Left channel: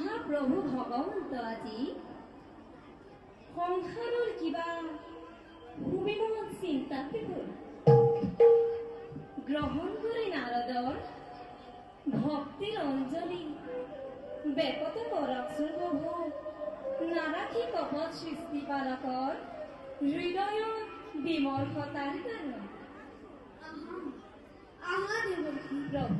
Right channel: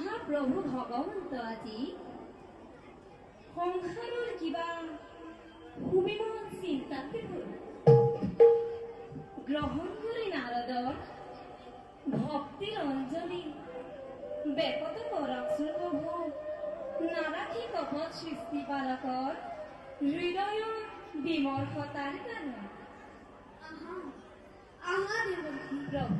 মহাপ্ৰভু ভগৱন্ত আজি সংসাৰৰ কিবা ভূমিমত চিন্তাতে গ'ল গ্ৰহণ কৰি নাৰদৰ ভক্তিৰ অঞ্জলি বেকত কৰকচোন প্ৰভু নাৰাখি কপট সৃষ্টি পালকৰ হৃদয়ৰ বিমৰ্ষতাৰ কাৰণ আহা দেৱকী প্ৰভু